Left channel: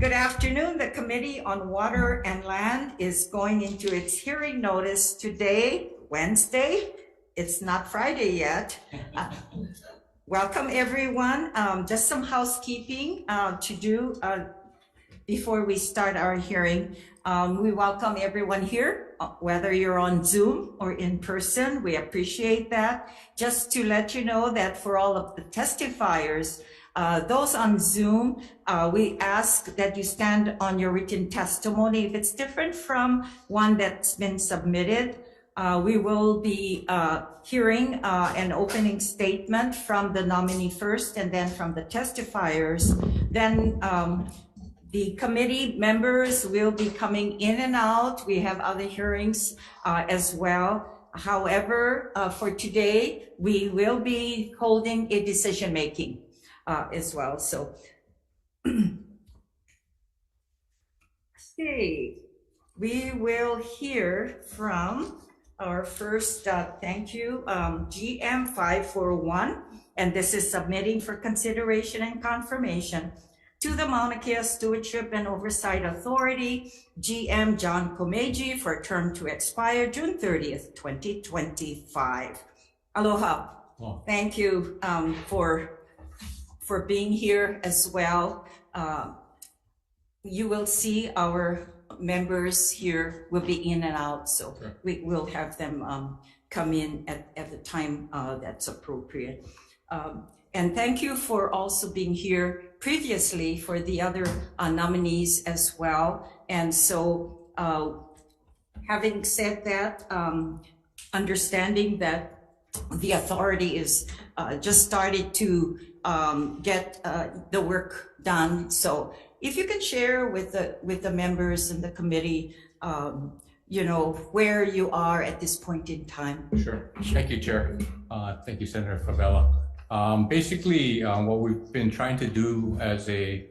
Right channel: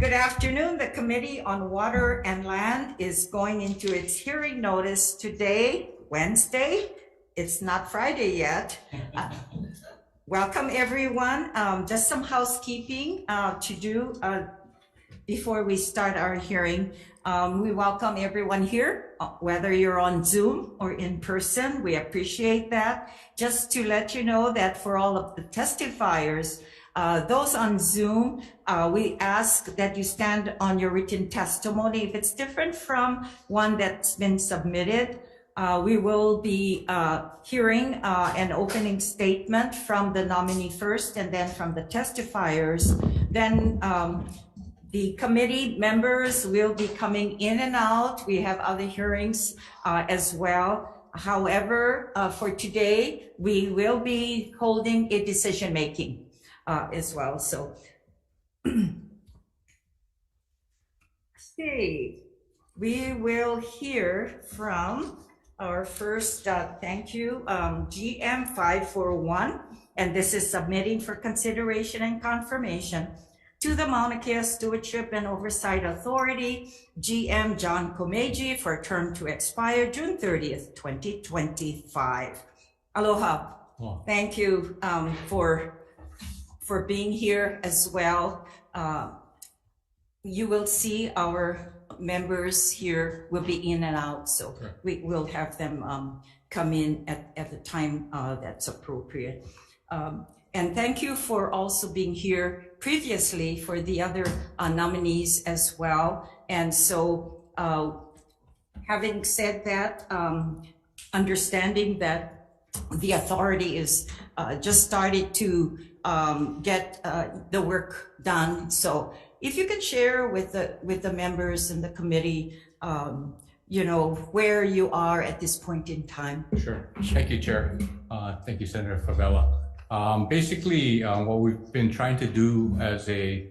Good afternoon. The Committee on Water and Land is going into its hearing notice today, Wednesday. It's not Friday yet. Welcome, everyone. Just some housekeeping to do before we start our hearing. We welcome everyone here, whether you're on Zoom or in person. We appreciate that. Just to let you know that for all of the testifiers, those on Zoom, we ask that you stand on your written testimony. If it's different from one that's been submitted, we will be hearing an opening statement from the nominee first and then from the testifiers. Then the committee members will be coming in and out. We have other hearings as well. However, for today, we will be holding a decision making as well. So, okay, we will hear from our first, thank you, GM 541, and this is submitting for consideration and confirmation to the Mauna Kea Stewardship and Oversight Authority, GM John Komeji, for a term to expire June 30th, 2025. Aloha. Oh. Thank you for being here as well. You will see our members here will be in and out, so okay. We will have them come in at the time that's appropriate. And thank you for also being here previously for the other nominees as well. And so having said that, understanding that the authority is just started to get the work done. So if you can share with the members and the committee, you know, where you are at this point in time. Sure. Thank you, Chair. Thank you, Senator Favela. Basically, what we've been trying to do as a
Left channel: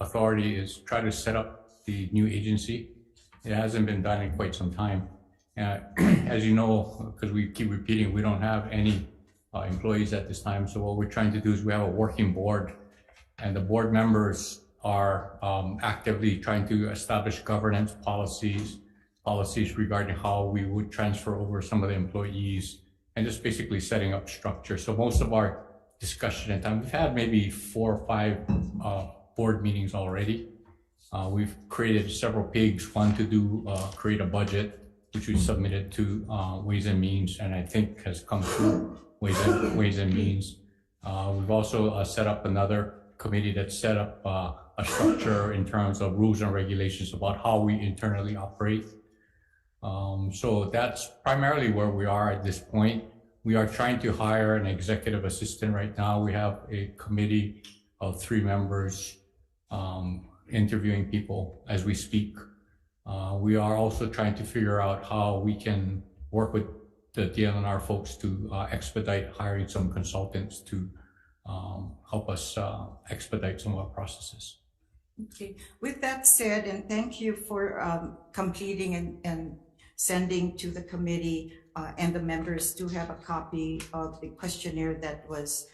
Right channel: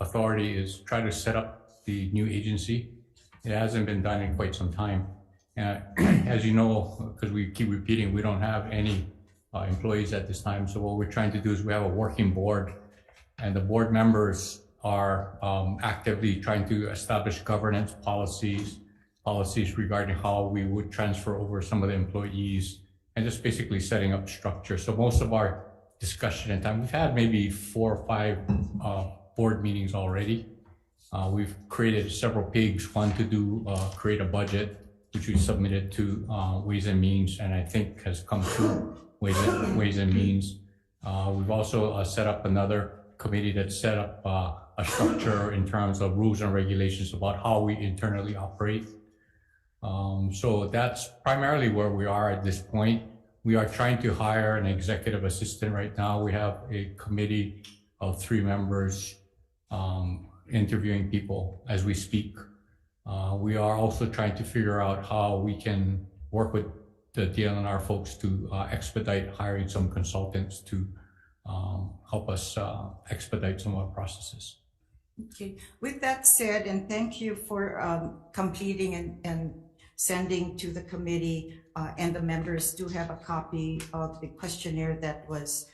authority is try to set up the new agency. It hasn't been done in quite some time. As you know, because we keep repeating, we don't have any employees at this time. So what we're trying to do is we have a working board, and the board members are actively trying to establish governance policies regarding how we would transfer over some of the employees, and just basically setting up structure. So most of our discussion and time, we've had maybe 4 or 5 board meetings already. We've created several pigs, one to do create a budget, which we submitted to Ways and Means, and I think has come through Ways and Means. We've also set up another committee that set up a structure in terms of rules and regulations about how we internally operate. So that's primarily where we are at this point. We are trying to hire an executive assistant right now. We have a committee of 3 members interviewing people as we speak. We are also trying to figure out how we can work with the DLNR folks to expedite hiring some consultants to help us expedite some of our processes. Okay, with that said, and thank you for completing and sending to the committee, and the members do have a copy of the questionnaire that was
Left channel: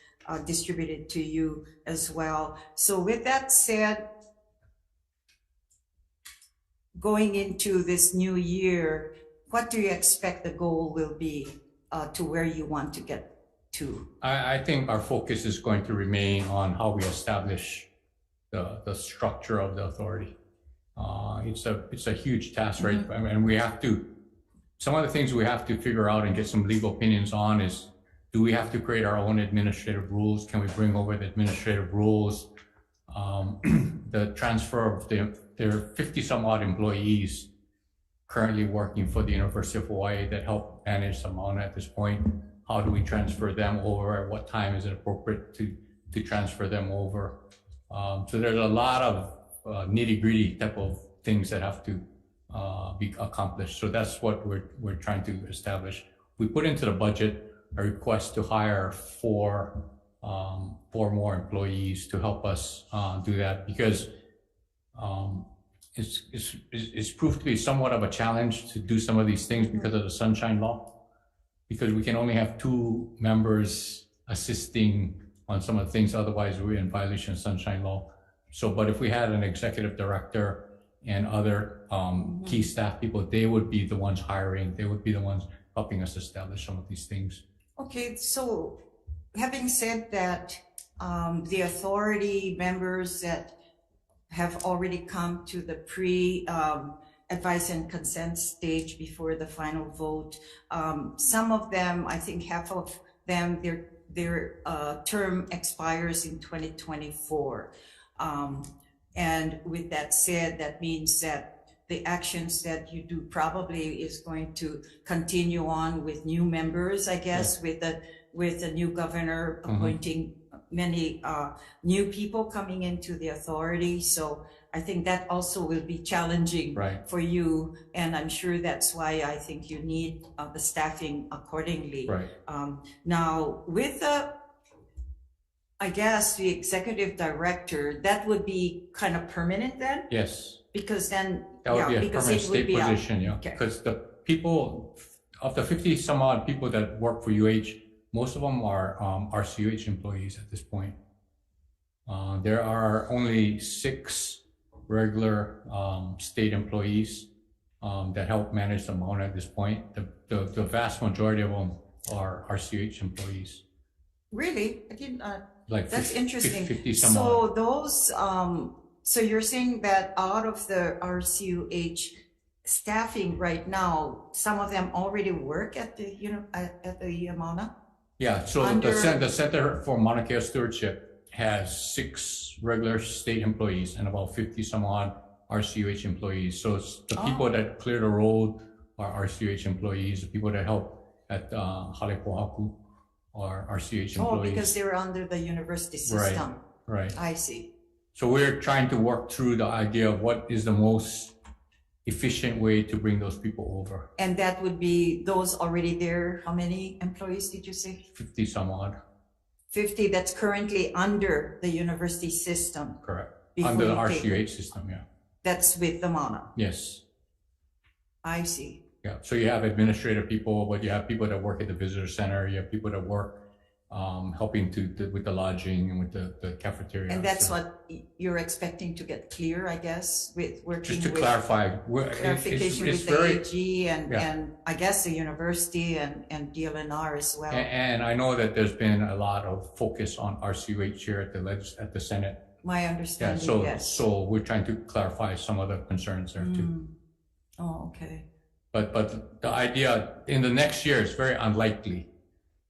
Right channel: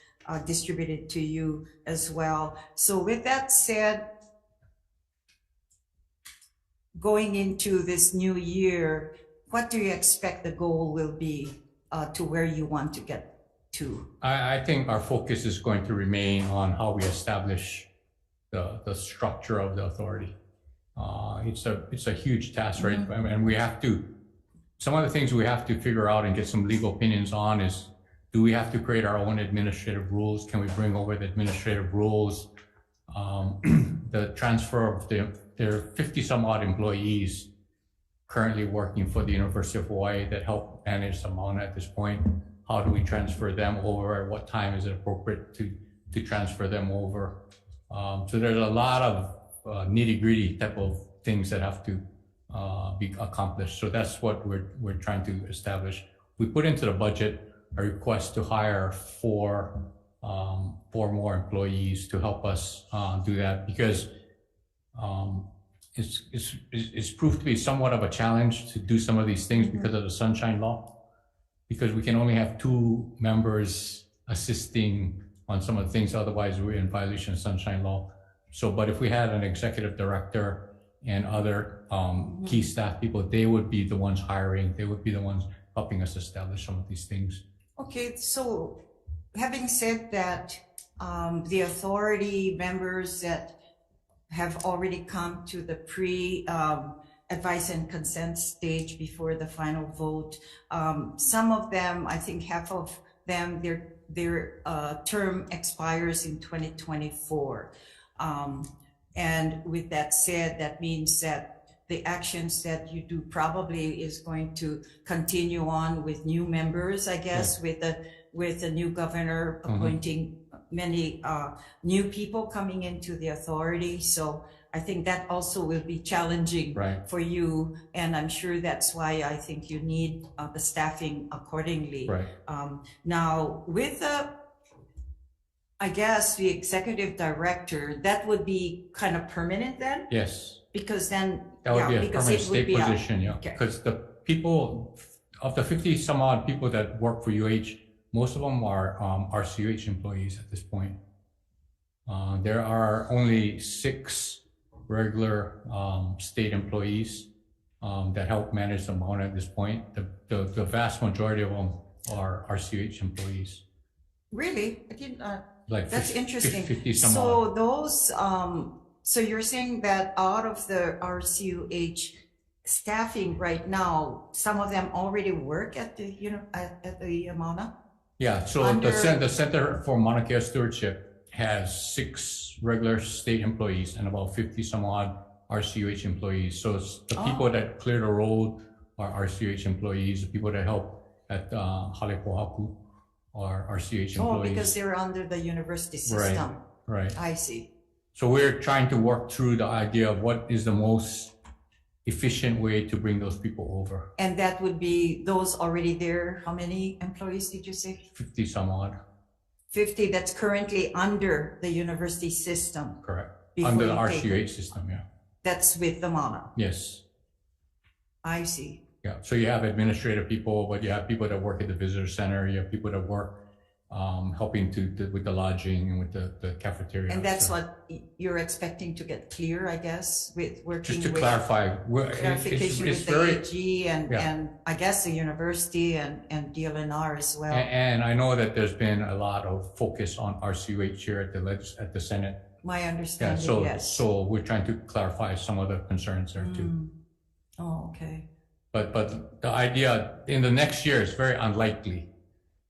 distributed to you as well. So with that said, going into this new year, what do you expect the goal will be to where you want to get to? I think our focus is going to remain on how we establish the structure of the authority. It's a huge task, right? Mm-hmm. And we have to, some of the things we have to figure out and get some legal opinions on is, do we have to create our own administrative rules? Can we bring over the administrative rules? The transfer of there are 50 some odd employees currently working for the University of Hawaii that help manage Mauna at this point. How do we transfer them over? At what time is it appropriate to transfer them over? So there's a lot of nitty-gritty type of things that have to be accomplished. So that's what we're trying to establish. We put into the budget a request to hire 4 more employees to help us do that, because it's proved to be somewhat of a challenge to do some of these things because of the Sunshine Law, because we can only have 2 members assisting on some of the things. Otherwise, we're in violation of Sunshine Law. So, but if we had an executive director and other key staff people, they would be the ones hiring. They would be the ones helping us establish some of these things. Okay, so having said that, the authority members that have already come to the advice and consent stage before the final vote, some of them, I think half of them, their term expires in 2024. And with that said, that means that the actions that you do probably is going to continue on with new members, I guess, with the new governor appointing many new people coming into the authority. So I think that also will be challenging for you, and I'm sure that's why I think you need the staffing accordingly. Now, with I guess the executive director, that would be kind of permanent then? Yes. Because then, that would be a permanent state position, because the people, of the 50 some odd people that work for UH, most of them are RCUH employees at this point. There are only 6 regular state employees that help manage the Mauna at this point. The vast majority of them are RCUH employees. Really? I didn't. Like that's 50, interesting. 50 some so odd. Those, so you're saying that out of the RCUH staffing right now, some of them already work at the at the Mauna? Yeah. So the Center for Mauna Kea Stewardship has 6 regular state employees and about 50 some odd RCUH employees. So it's the people that clear the road are RCUH employees. The people that help at Halepohaku are RCUH employees. Oh, because they're under the university system. Right. I see. So we're trying to work through the idea of what is the most efficient way to bring those people over. And that would be those already there. How many employees did you say? 50 some odd. 50 that's currently under the university system. Correct. Under the RCUH system, yeah. That's with the Mauna. Yes. I see. Yeah. So you have administrative people, but you have people that work at the visitor center. You have people that work helping with the lodging and with the cafeteria. And that's what you're expecting to get clear, I guess, with working just to with clarify, clarification it's with the AG and I guess the university and DLNR as well. And I know that there's been a lot of focus on RCUH here at the Senate. My understanding, yes. So we're trying to clarify some of the concerns there too. Oh, okay. But the idea in the next year is very unlikely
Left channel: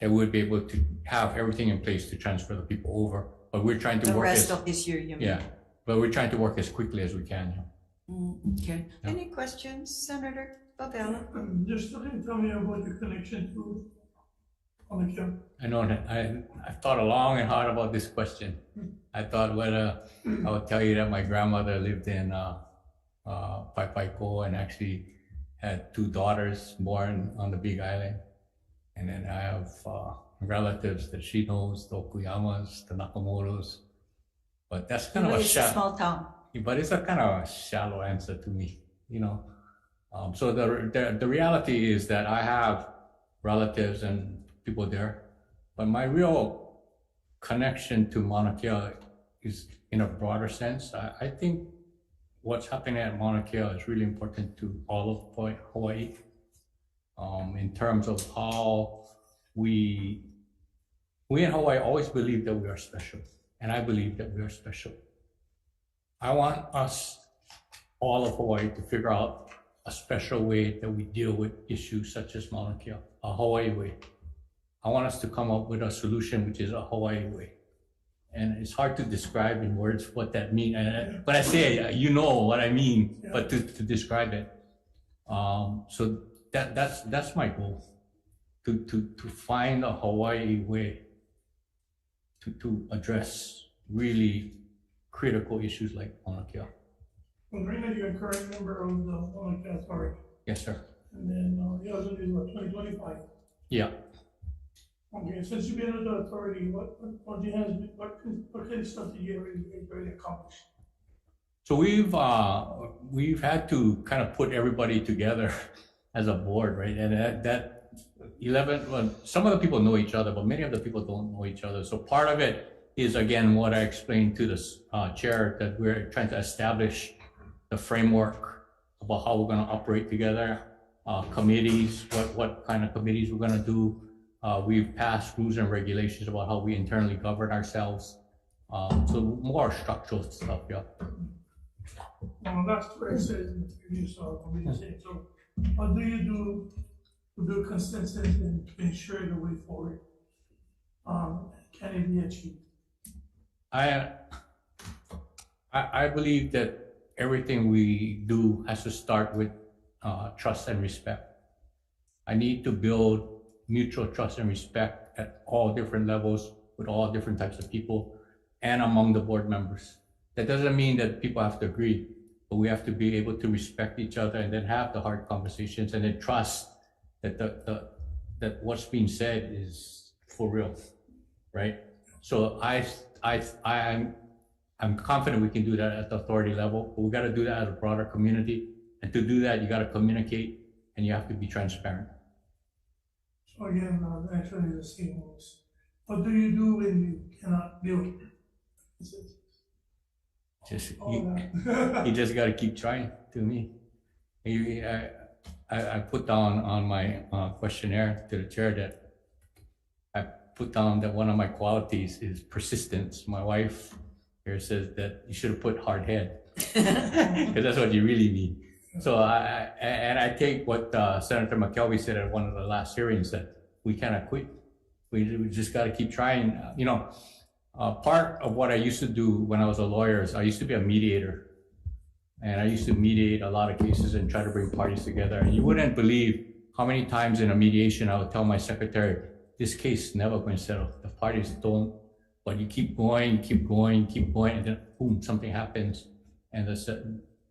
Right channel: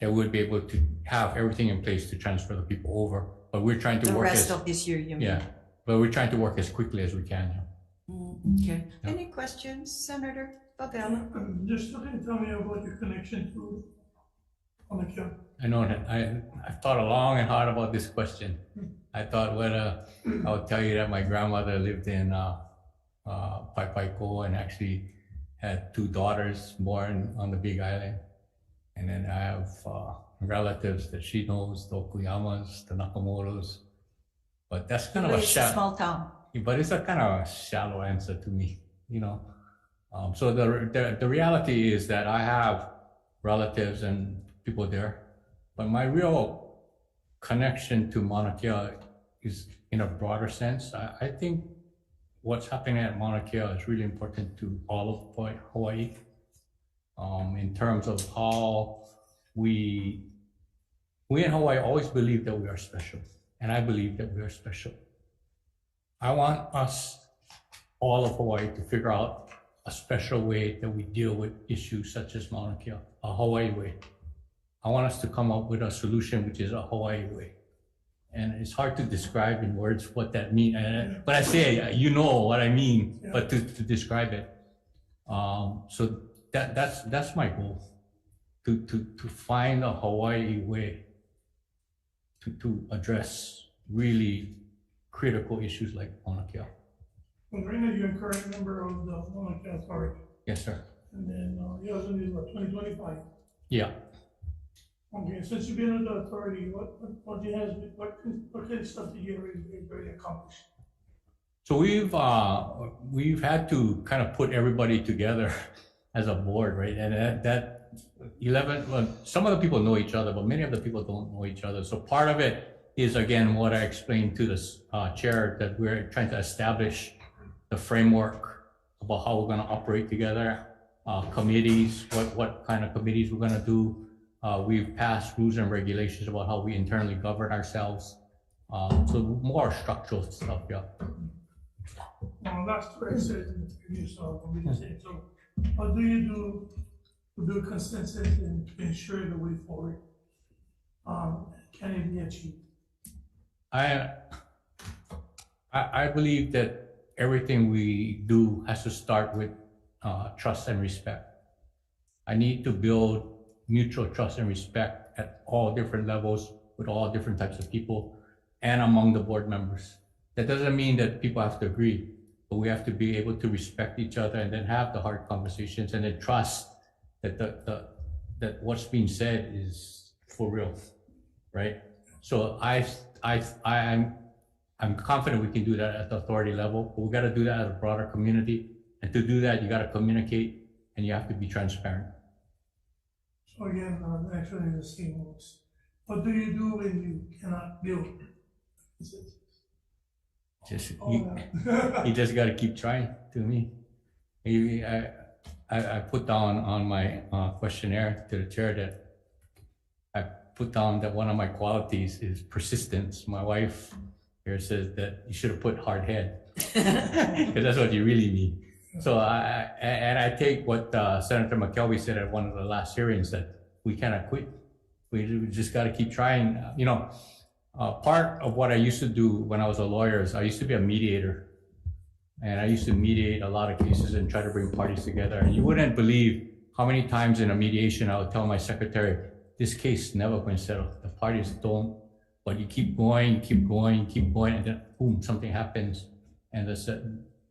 that we'll be able to have everything in place to transfer the people over. But we're trying to work the rest of this year, you mean? Yeah, but we're trying to work as quickly as we can. Okay. Yeah. Any questions, Senator Fabiano? Just tell me about your connection to Mauna Kea. I know that I've thought long and hard about this question. I thought whether I would tell you that my grandmother lived in Paipaiko and actually had 2 daughters born on the Big Island. And then I have relatives that she knows, the Okuyamas, the Nakamotos. But that's kind of a small town. But it's a kind of a shallow answer to me, So the reality is that I have relatives and people there, but my real connection to Mauna Kea is in a broader sense. I think what's happening at Mauna Kea is really important to all of Hawaii. In terms of how we in Hawaii always believe that we are special, and I believe that we are special. I want us, all of Hawaii, to figure out a special way that we deal with issues such as Mauna Kea, a Hawaii way. I want us to come up with a solution which is a Hawaii way. And it's hard to describe in words what that means. But I say, you know what I mean, but to describe it. So that's my goal, to find a Hawaii way to address really critical issues like Mauna Kea. Well, right now you're a current member of the Mauna Kea Authority. Yes, sir. And then you also do 2025. Yeah. Okay, since you've been in the authority, what kind of stuff did you really accomplish? So we've had to kind of put everybody together as a board, right? And that 11, well, some of the people know each other, but many of the people don't know each other. So part of it is again what I explained to the chair, that we're trying to establish the framework about how we're going to operate together, committees, what kind of committees we're going to do. We've passed rules and regulations about how we internally govern ourselves. So more structural stuff, yeah. Well, that's what I said in the previous meeting. So, what do you do to build consensus and ensure the way forward? Can it be achieved? I believe that everything we do has to start with trust and respect. I need to build mutual trust and respect at all different levels with all different types of people and among the board members. That doesn't mean that people have to agree, but we have to be able to respect each other and then have the hard conversations and then trust that that what's being said is for real, right? So I'm confident we can do that at the authority level, but we got to do that at a broader community. And to do that, you got to communicate and you have to be transparent. So again, actually the same words. What do you do when you cannot build? You just got to keep trying. To me, I put down on my questionnaire to the chair that I put down that one of my qualities is persistence. My wife here says that you should have put hard head, because that's what you really need. So I take what Senator McKelvey said at one of the last hearings, that we cannot quit. We just got to keep trying. You know, part of what I used to do when I was a lawyer is I used to be a mediator, and I used to mediate a lot of cases and try to bring parties together. And you wouldn't believe how many times in a mediation I would tell my secretary, this case is never going to settle. The parties don't, but you keep going, and then boom, something happens. And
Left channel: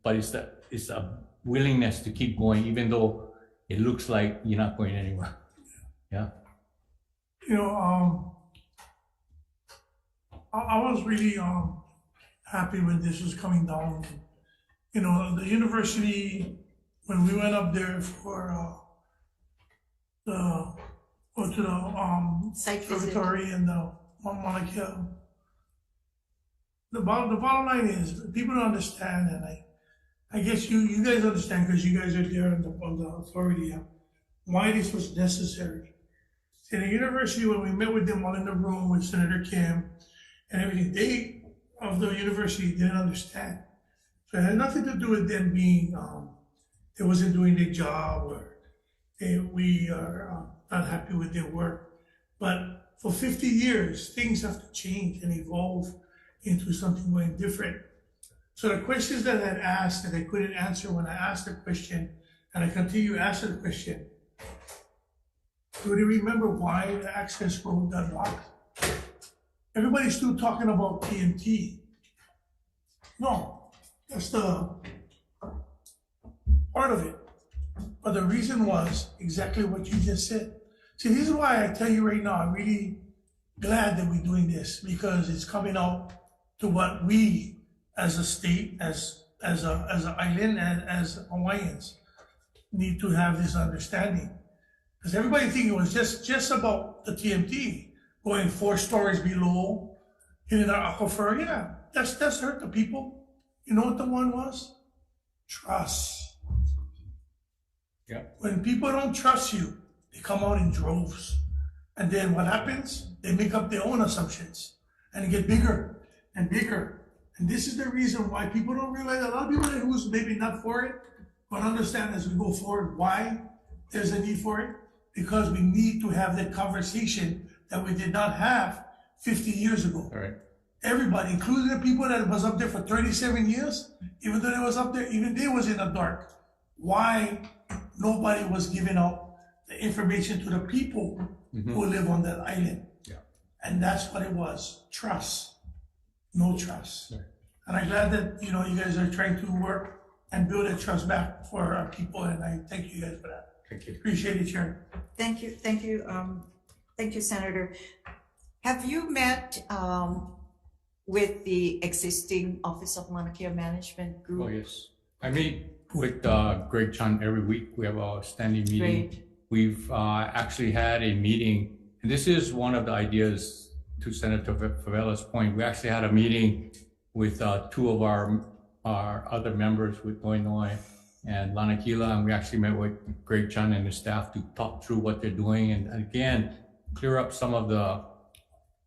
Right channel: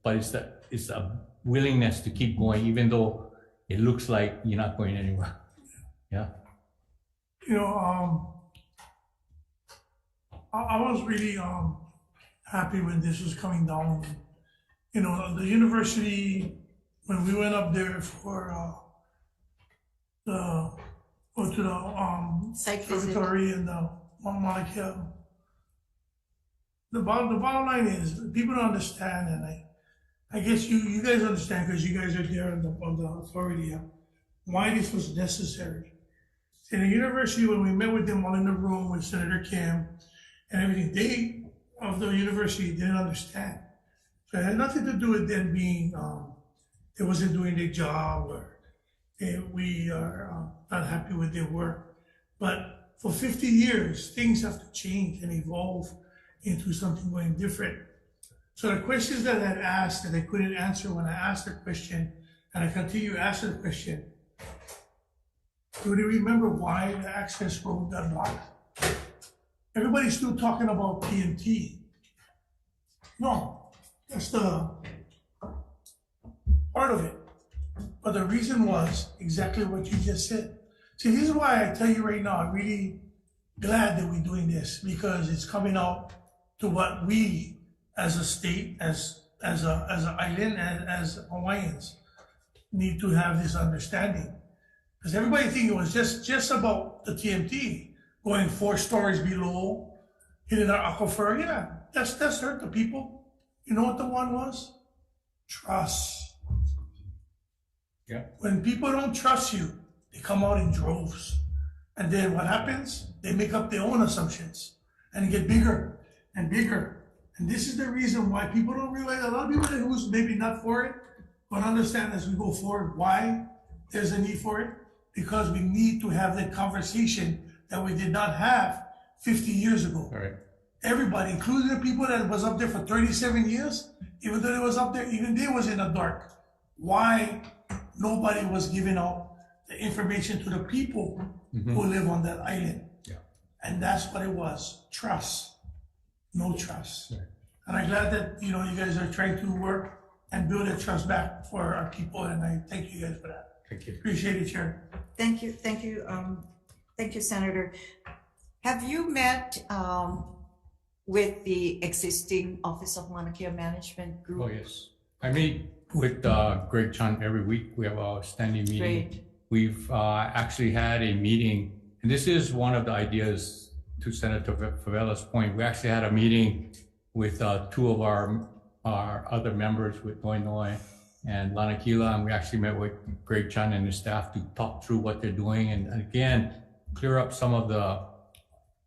but it's a willingness to keep going, even though it looks like you're not going anywhere. Yeah. You know, I was really happy when this was coming down. You know, the university, when we went up there for Site visit. observatory and the Mauna Kea, the bottom line is people don't understand, and I guess you guys understand because you guys are there on the authority, why this was necessary. In the university, when we met with them all in the room with Senator Kim and everything, they of the university didn't understand. So it had nothing to do with them being, they wasn't doing their job, or we are not happy with their work. But for 50 years, things have to change and evolve into something going different. So the questions that I had asked that I couldn't answer when I asked the question, and I continue asking the question, do you remember why the access road got blocked? Everybody's still talking about TNT. No, that's the part of it. But the reason was exactly what you just said. See, this is why I tell you right now, I'm really glad that we're doing this, because it's coming out to what we as a state, as an island, and as Hawaiians need to have this understanding. Because everybody think it was just about the TMT going 4 stories below, hitting our aquifer. Yeah, that's hurt the people. You know what the one was? Trust. Yeah. When people don't trust you, they come out in droves. And then what happens? They make up their own assumptions and get bigger and bigger. And this is the reason why people don't realize, a lot of people who's maybe not for it, but understand as we go forward why there's a need for it. Because we need to have that conversation that we did not have 50 years ago. All right. Everybody, including the people that was up there for 37 years, even though they was up there, even they was in the dark. Why nobody was giving out the information to the people who live on that island? Yeah. And that's what it was, trust, no trust. Yeah. And I'm glad that, you guys are trying to work and build that trust back for our people, and I thank you guys for that. Thank you. Appreciate it, Chair. Thank you, Senator. Have you met with the existing Office of Mauna Kea Management Group? Oh, yes. I meet with Greg Chan every week. We have a standing meeting. Great. We've actually had a meeting, and this is one of the ideas to Senator Favela's point, we actually had a meeting with two of our other members with Illinois and Lanakila, and we actually met with Greg Chan and his staff to talk through what they're doing and again, clear up some of the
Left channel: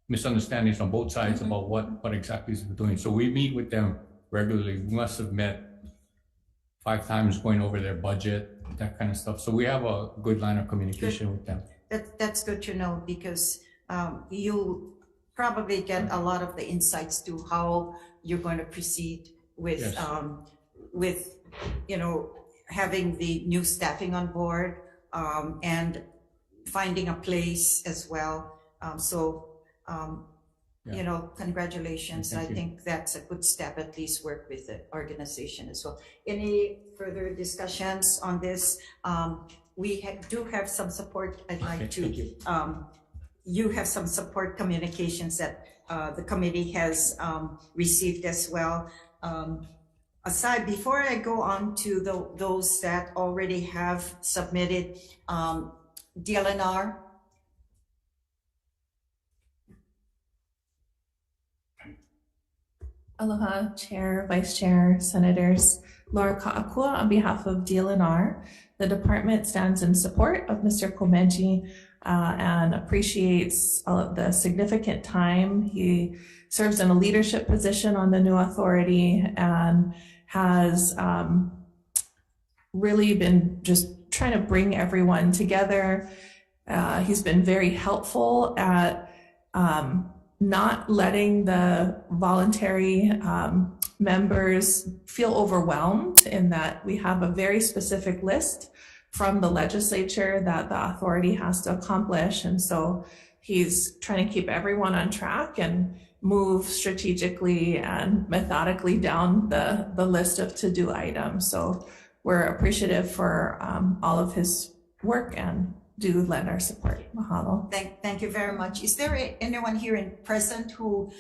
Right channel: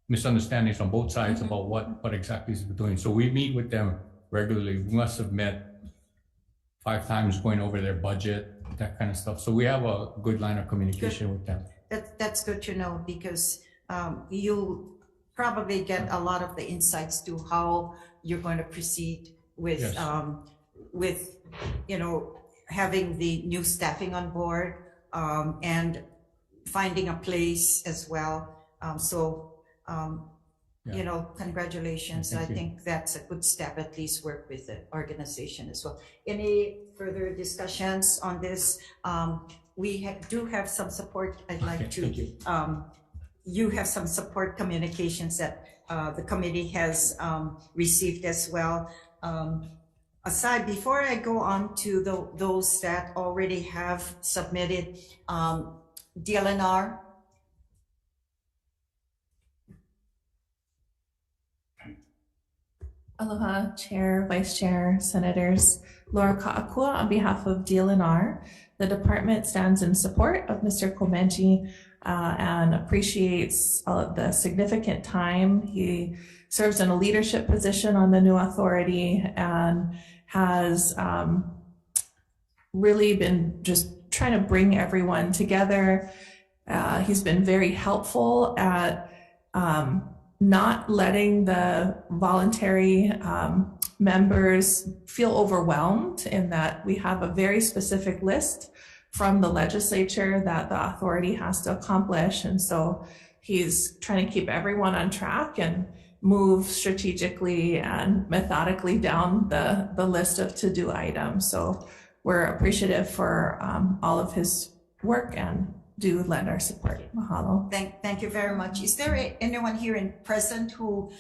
misunderstandings on both sides about what exactly is we're doing. So we meet with them regularly. We must have met 5 times going over their budget, that kind of stuff. So we have a good line of communication with them. That's good to know because you probably get a lot of the insights to how you're going to proceed with Yes. with having the new staffing on board and finding a place as well. Congratulations. Thank I you. think that's a good step, at least work with the organization as well. Any further discussions on this? We do have some support. I'd like Okay, to, thank you. You have some support communications that the committee has received as well. Aside, before I go on to those that already have submitted, DLNR. Aloha, Chair, Vice Chair, Senators. Laura Ka'akua on behalf of DLNR. The department stands in support of Mr. Komeji and appreciates all of the significant time. He serves in a leadership position on the new authority and has really been just trying to bring everyone together. He's been very helpful at not letting the voluntary members feel overwhelmed in that we have a very specific list from the legislature that the authority has to accomplish. And so he's trying to keep everyone on track and move strategically and methodically down the list of to-do items. So we're appreciative for all of his work and do lend our support. Mahalo. Thank you very much. Is there anyone here in present who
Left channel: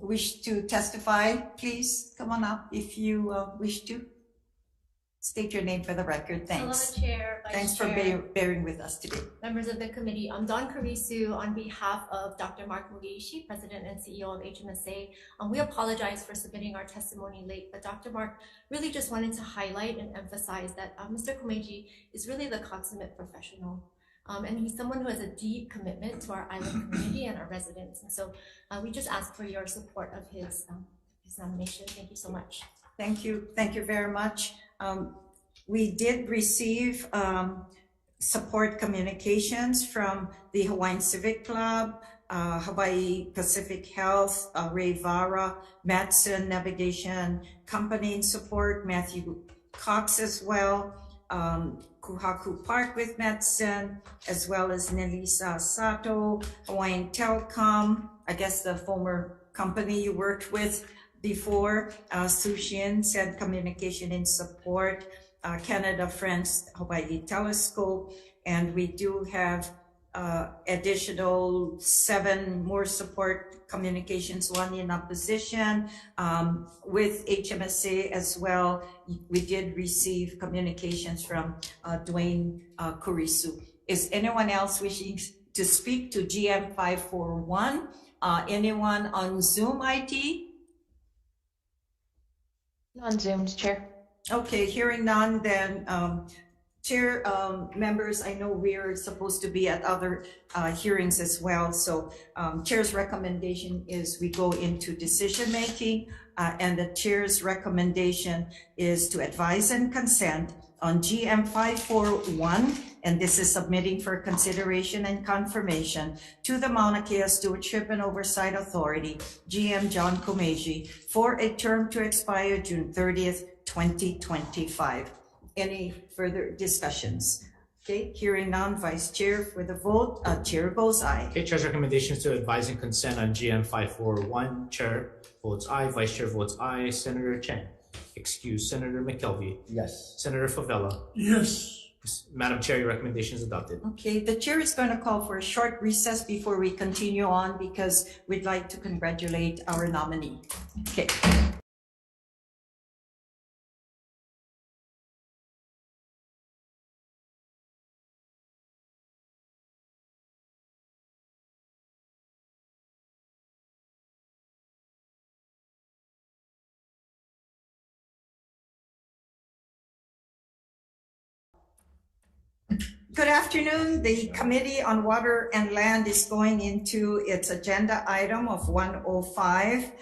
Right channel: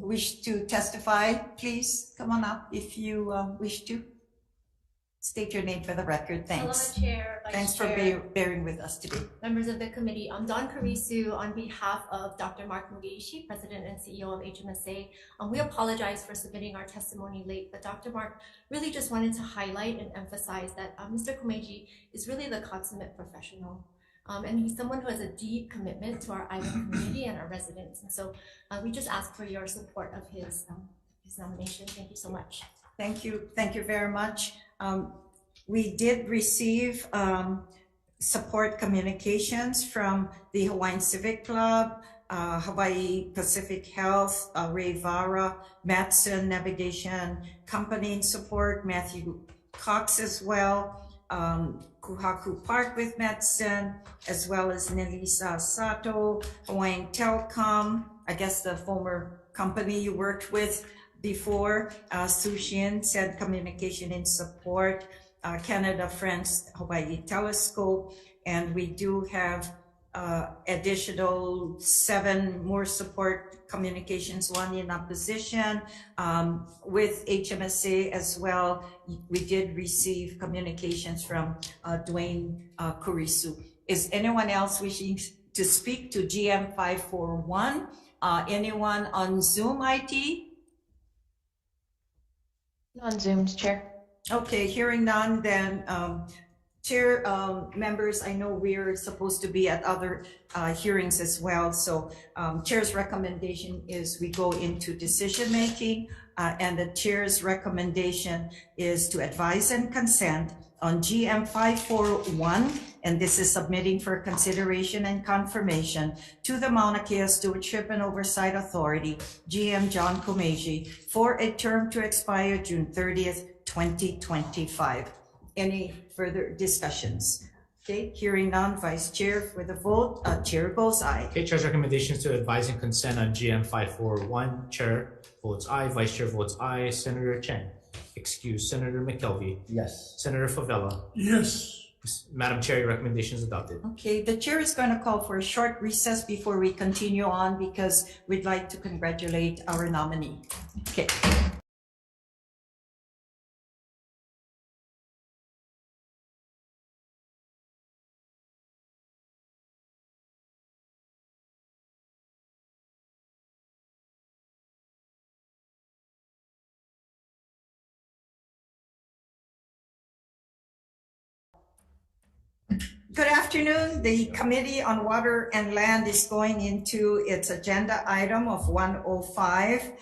wish to testify? Please come on up if you wish to. State your name for the record. Thanks. Hello, Chair, Vice Thanks Chair, for bearing with us today. members of the committee. I'm Don Karisu on behalf of Dr. Mark Mugeishi, President and CEO of HMSA. We apologize for submitting our testimony late, but Dr. Mark really just wanted to highlight and emphasize that Mr. Komeji is really the consummate professional. And he's someone who has a deep commitment to our island community and our residents. And so we just ask for your support of his nomination. Thank you so much. Thank you. Thank you very much. We did receive support communications from the Hawaiian Civic Club, Hawaii Pacific Health, Ray Vara, Matson Navigation Company in support, Matthew Cox as well, Kuhaku Park with Matson, as well as Nelisa Sato, Hawaiian Telecom, I guess the former company you worked with before, Sushin said communication in support, Canada Friends Hawaii Telescope, and we do have additional 7 more support communications, 1 in opposition with HMSA as well. We did receive communications from Dwayne Kurisu. Is anyone else wishing to speak to GM 541? Anyone on Zoom IT? On Zoom, Chair. Okay, hearing none, then Chair, members, I know we're supposed to be at other hearings as well. So Chair's recommendation is we go into decision making, and the Chair's recommendation is to advise and consent on GM 541, and this is submitting for consideration and confirmation to the Mauna Kea Stewardship and Oversight Authority, GM John Komeji, for a term to expire June 30th, 2025. Any further discussions? Okay, hearing none, Vice Chair for the vote, Chair goes aye. Okay, Chair's recommendations to advise and consent on GM 541. Chair votes aye, Vice Chair votes aye. Senator Chen. Excuse. Senator McKelvey. Yes. Senator Favela. Yes. Madam Chair, your recommendation is adopted. Okay, the Chair is going to call for a short recess before we continue on because we'd like to congratulate our nominee. Okay. Good afternoon. The Committee on Water and Land is going into its agenda item of 105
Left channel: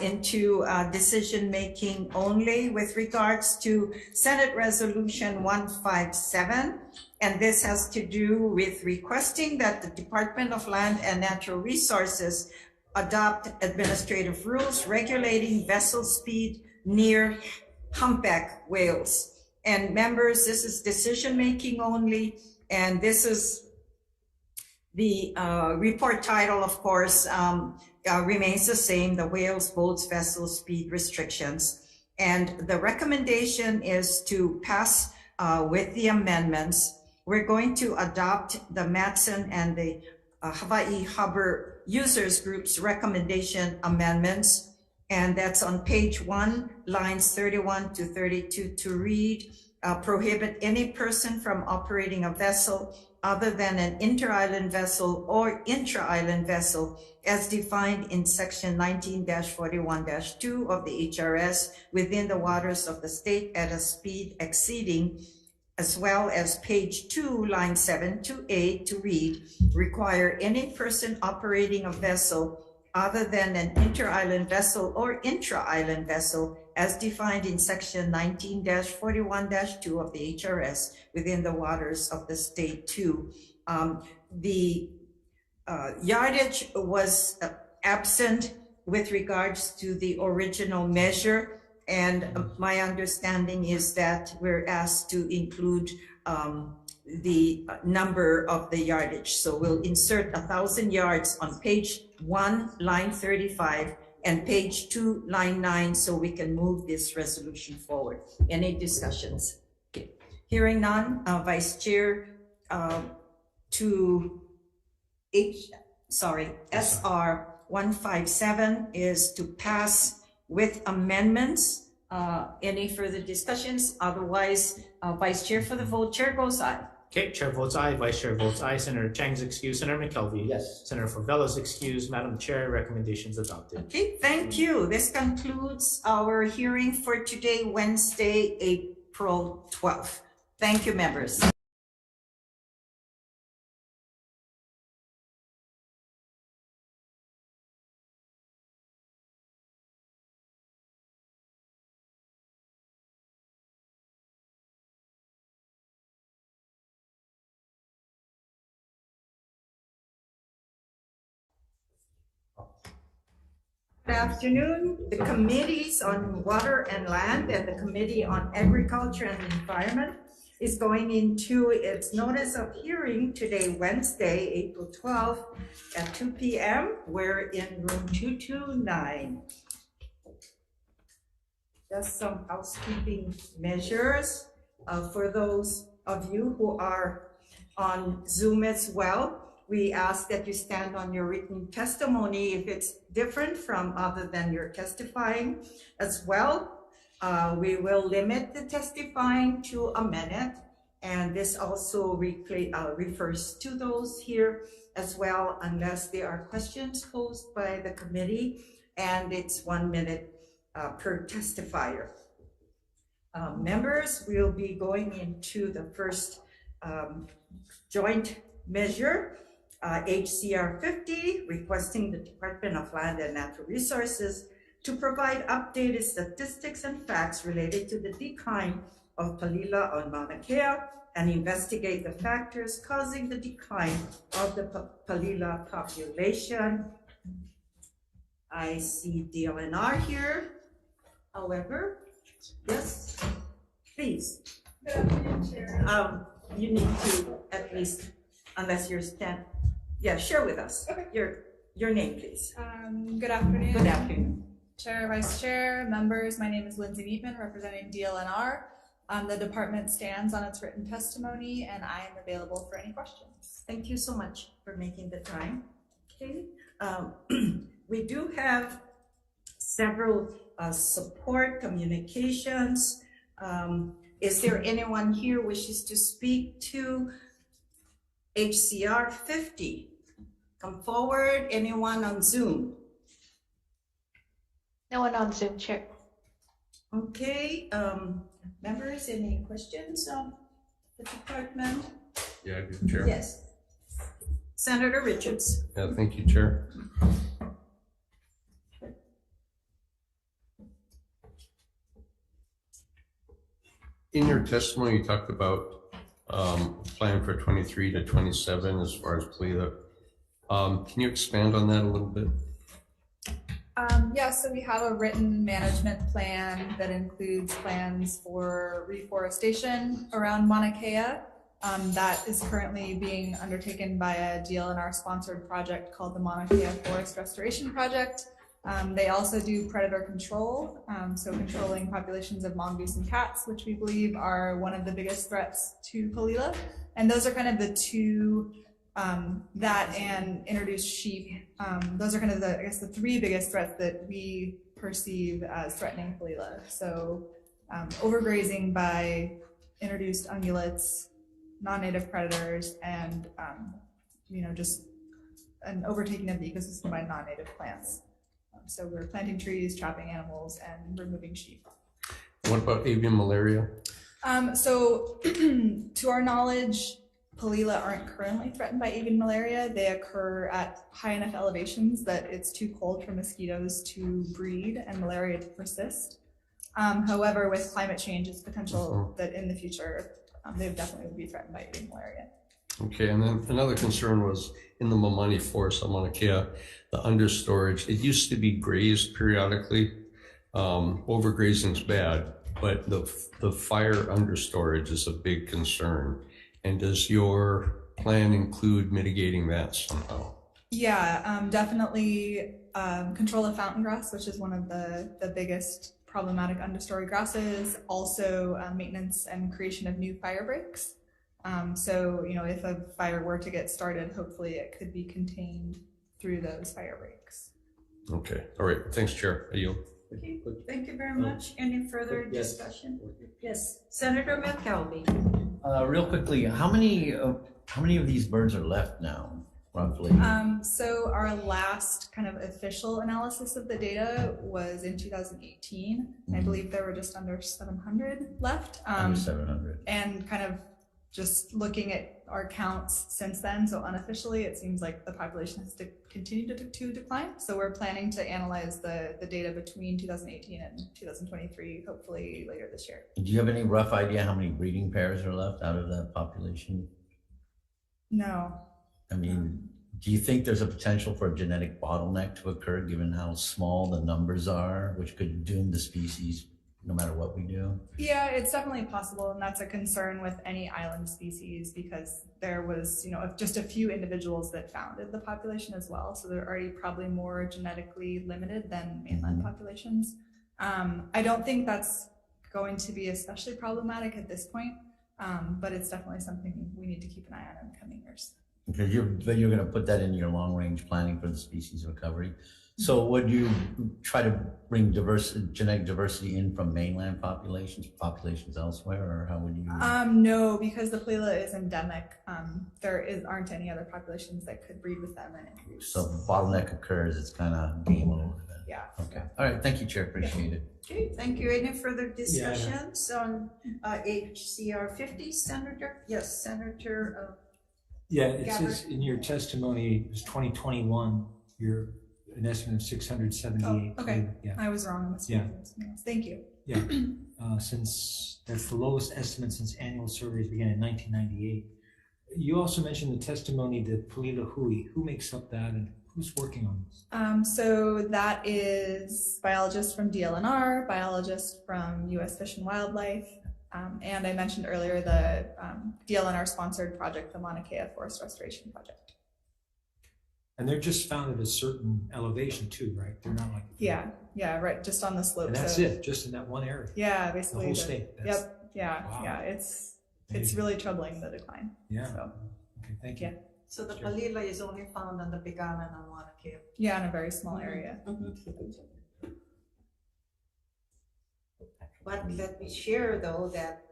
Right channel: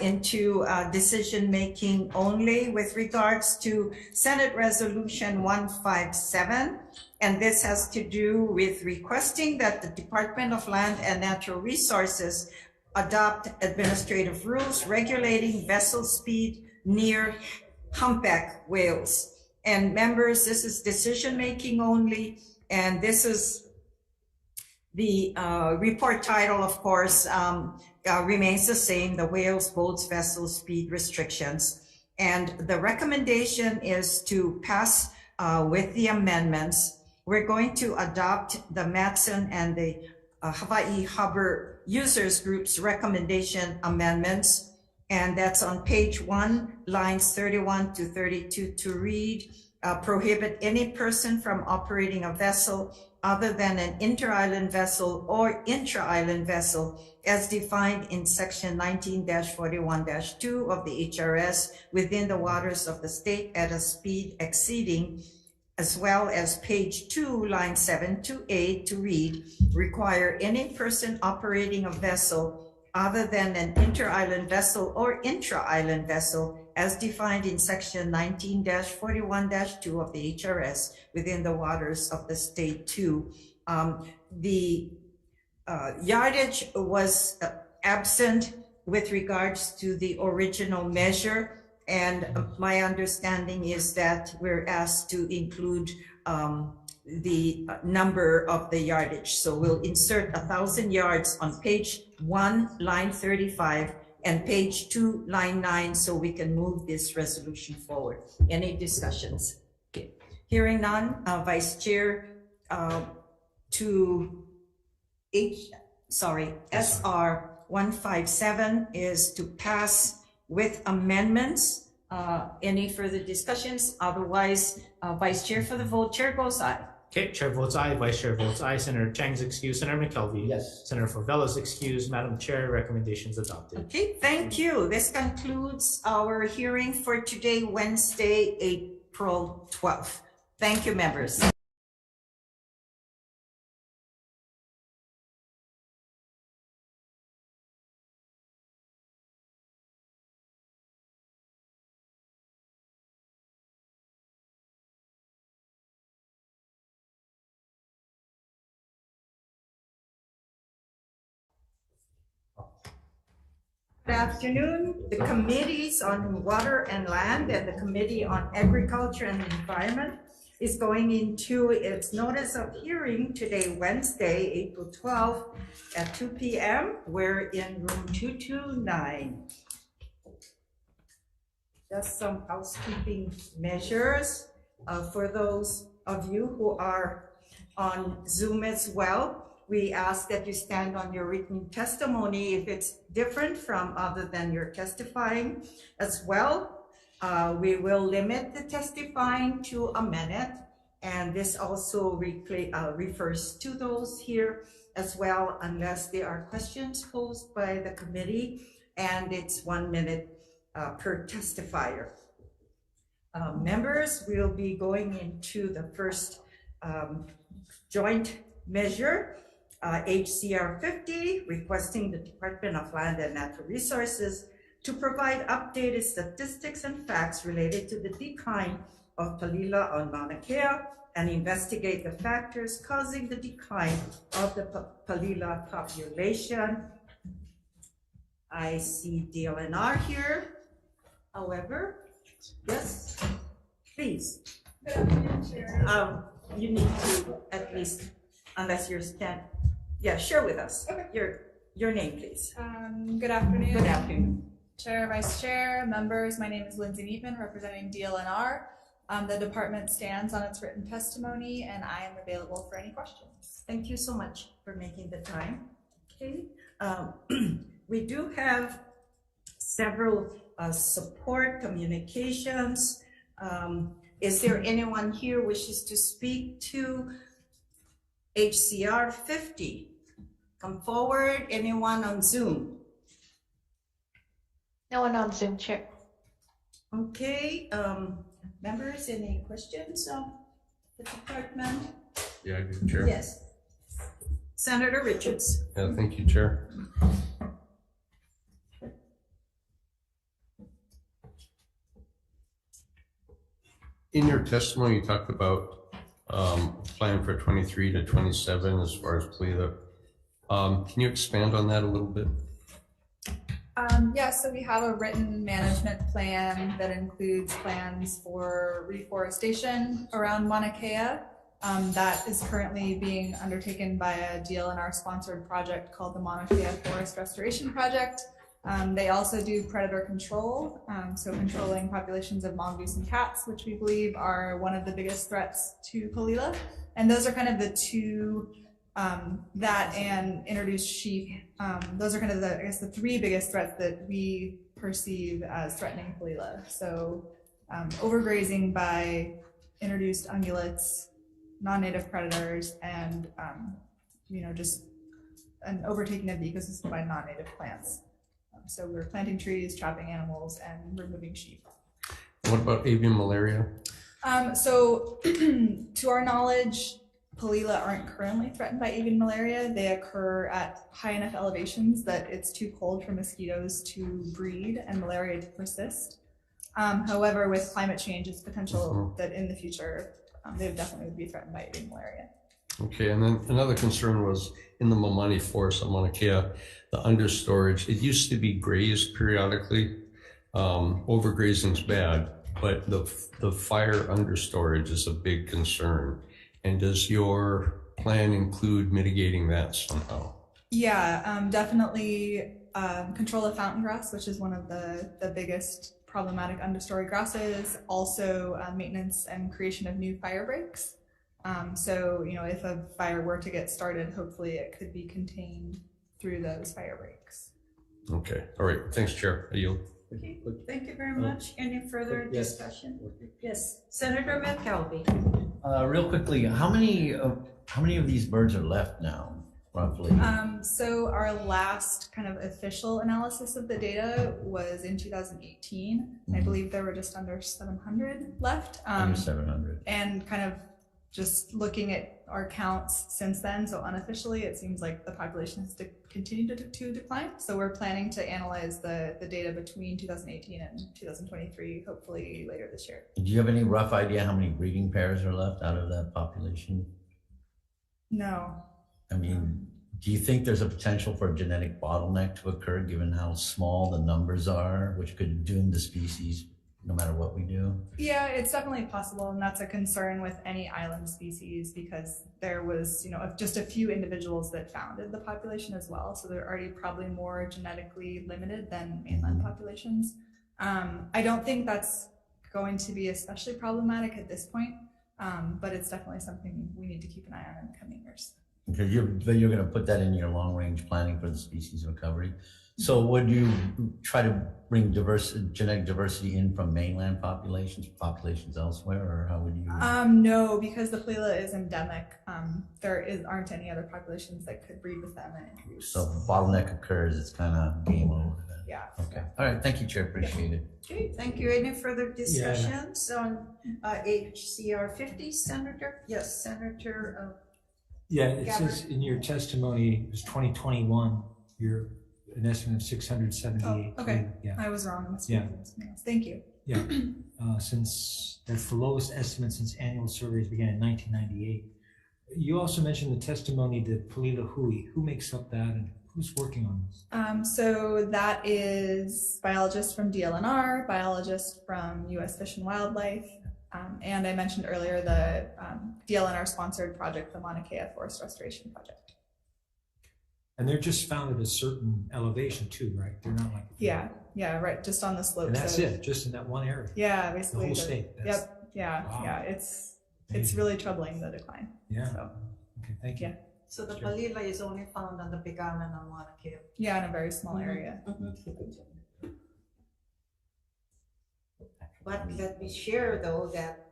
into decision-making only with regards to Senate Resolution 157. And this has to do with requesting that the Department of Land and Natural Resources adopt administrative rules regulating vessel speed near humpback whales. And members, this is decision-making only. And this is the report title, of course, remains the same, the whales, boats, vessel speed restrictions. And the recommendation is to pass with the amendments. We're going to adopt the Matson and the Hawaii Harbor Users Group's recommendation amendments. And that's on page 1, lines 31 to 32 to read. Prohibit any person from operating a vessel other than an inter-island vessel or intra-island vessel as defined in section 19-41-2 of the HRS within the waters of the state at a speed exceeding, as well as page 2, line 7 to 8 to read, require any person operating a vessel other than an inter-island vessel or intra-island vessel as defined in section 19-41-2 of the HRS within the waters of the state too. The yardage was absent with regards to the original measure, and my understanding is that we're asked to include the number of the yardage. So we'll insert 1,000 yards on page 1, line 35, and page 2, line 9, so we can move this resolution forward. Any discussions? Okay. Hearing none, Vice Chair, to SR 157 is to pass with amendments. Any further discussions? Otherwise, Vice Chair for the vote, Chair goes aye. Okay, Chair votes aye, Vice Chair votes aye. Senator Chang's excused. Senator McKelvey. Yes. Senator Favella's excused. Madam Chair, recommendations adopted. Okay, thank you. This concludes our hearing for today, Wednesday, April 12th. Thank you, members. Good afternoon. The Committees on Water and Land and the Committee on Agriculture and Environment is going into its notice of hearing today, Wednesday, April 12th at 2 p.m. We're in room 229. Just some housekeeping measures for those of you who are on Zoom as well. We ask that you stand on your written testimony if it's different from other than your testifying as well. We will limit the testifying to a minute, and this also refers to those here as well, unless there are questions posed by the committee, and it's 1 minute per testifier. Members, we'll be going into the first joint measure, HCR 50, requesting the Department of Land and Natural Resources to provide updated statistics and facts related to the decline of Palila on Mauna Kea and investigate the factors causing the decline of the Palila population. I see DLNR here. However, yes, please. Good afternoon, Chair. You need to at least, unless you're share with us. Okay. Your name, please. Good afternoon. Good afternoon. Chair, Vice Chair, members, my name is Lindsay Neatman, representing DLNR. The department stands on its written testimony, and I am available for any questions. Thank you so much for making the time. Okay. We do have several support communications. Is there anyone here wishes to speak to HCR 50? Come forward. Anyone on Zoom? No one on Zoom, Chair. Okay. Members, any questions the department. Yeah, I do, Chair. Yes. Senator Richards. Yeah, thank you, Chair. In your testimony, you talked about plan for 23 to 27 as far as PLELA. Can you expand on that a little bit? Yeah, so we have a written management plan that includes plans for reforestation around Mauna Kea. That is currently being undertaken by a DLNR sponsored project called the Mauna Kea Forest Restoration Project. They also do predator control, so controlling populations of mongoose and cats, which we believe are one of the biggest threats to Palila. And those are kind of the two, that and introduced sheep. Those are kind of the, I guess, the three biggest threats that we perceive as threatening Palila. So overgrazing by introduced ungulates, non-native predators, and just an overtaking of the ecosystem by non-native plants. So we're planting trees, trapping animals, and removing sheep. What about avian malaria? So to our knowledge, Palila aren't currently threatened by avian malaria. They occur at high enough elevations that it's too cold for mosquitoes to breed and malaria to persist. However, with climate change, it's potential that in the future, they definitely would be threatened by avian malaria. Okay, and then another concern was in the Mamani Forest on Mauna Kea, the understorage. It used to be grazed periodically. Overgrazing is bad, but the fire understorage is a big concern. And does your plan include mitigating that somehow? Yeah, definitely control of fountain grass, which is one of the biggest problematic understory grasses. Also maintenance and creation of new fire breaks. So, if a fire were to get started, hopefully it could be contained through those fire breaks. Okay, all right, thanks, Chair. I yield. Okay, thank you very much. Any further discussion? Yes, Senator McKelvey. Real quickly, how many of these birds are left now, roughly? So our last kind of official analysis of the data was in 2018. I believe there were just under 700 left. Under 700. And kind of just looking at our counts since then, so unofficially, it seems like the population has continued to decline. So we're planning to analyze the data between 2018 and 2023, hopefully later this year. Do you have any rough idea how many breeding pairs are left out of that population? No. I mean, do you think there's a potential for a genetic bottleneck to occur given how small the numbers are, which could doom the species no matter what we do? Yeah, it's definitely possible, and that's a concern with any island species because there was, just a few individuals that founded the population as well, so they're already probably more genetically limited than mainland populations. I don't think that's going to be especially problematic at this point, but it's definitely something we need to keep an eye on in the coming years. Because you're going to put that in your long-range planning for the species recovery. So would you try to bring genetic diversity in from mainland populations elsewhere, or how would you? No, because the Palila is endemic. There aren't any other populations that could breed with them and introduce. So if a bottleneck occurs, it's kind of game over then. Yeah. Okay. All right. Thank you, Chair. Appreciate it. Okay, thank you. Any further discussions on HCR 50, Senator? Yes, Senator. Yeah, it says in your testimony, it was 2021, you're an estimate of 678. Oh, okay. Yeah. I was wrong. Yeah. Thank you. Yeah. Since that's the lowest estimate since annual surveys began in 1998. You also mentioned the testimony to Palila Hui. Who makes up that and who's working on this? So that is biologists from DLNR, biologists from U.S. Fish and Wildlife, and I mentioned earlier the DLNR sponsored project, the Mauna Kea Forest Restoration Project. And they're just found at a certain elevation too, right? They're not like yeah, right, just on the slopes. And that's it, just in that one area. Yeah, basically. The whole state. Wow. Yeah. It's really troubling, the decline. Yeah. So. Okay, thank you. Yeah. So the Palila is only found on the Big Island on Mauna Kea. Yeah, in a very small area. But let me share though that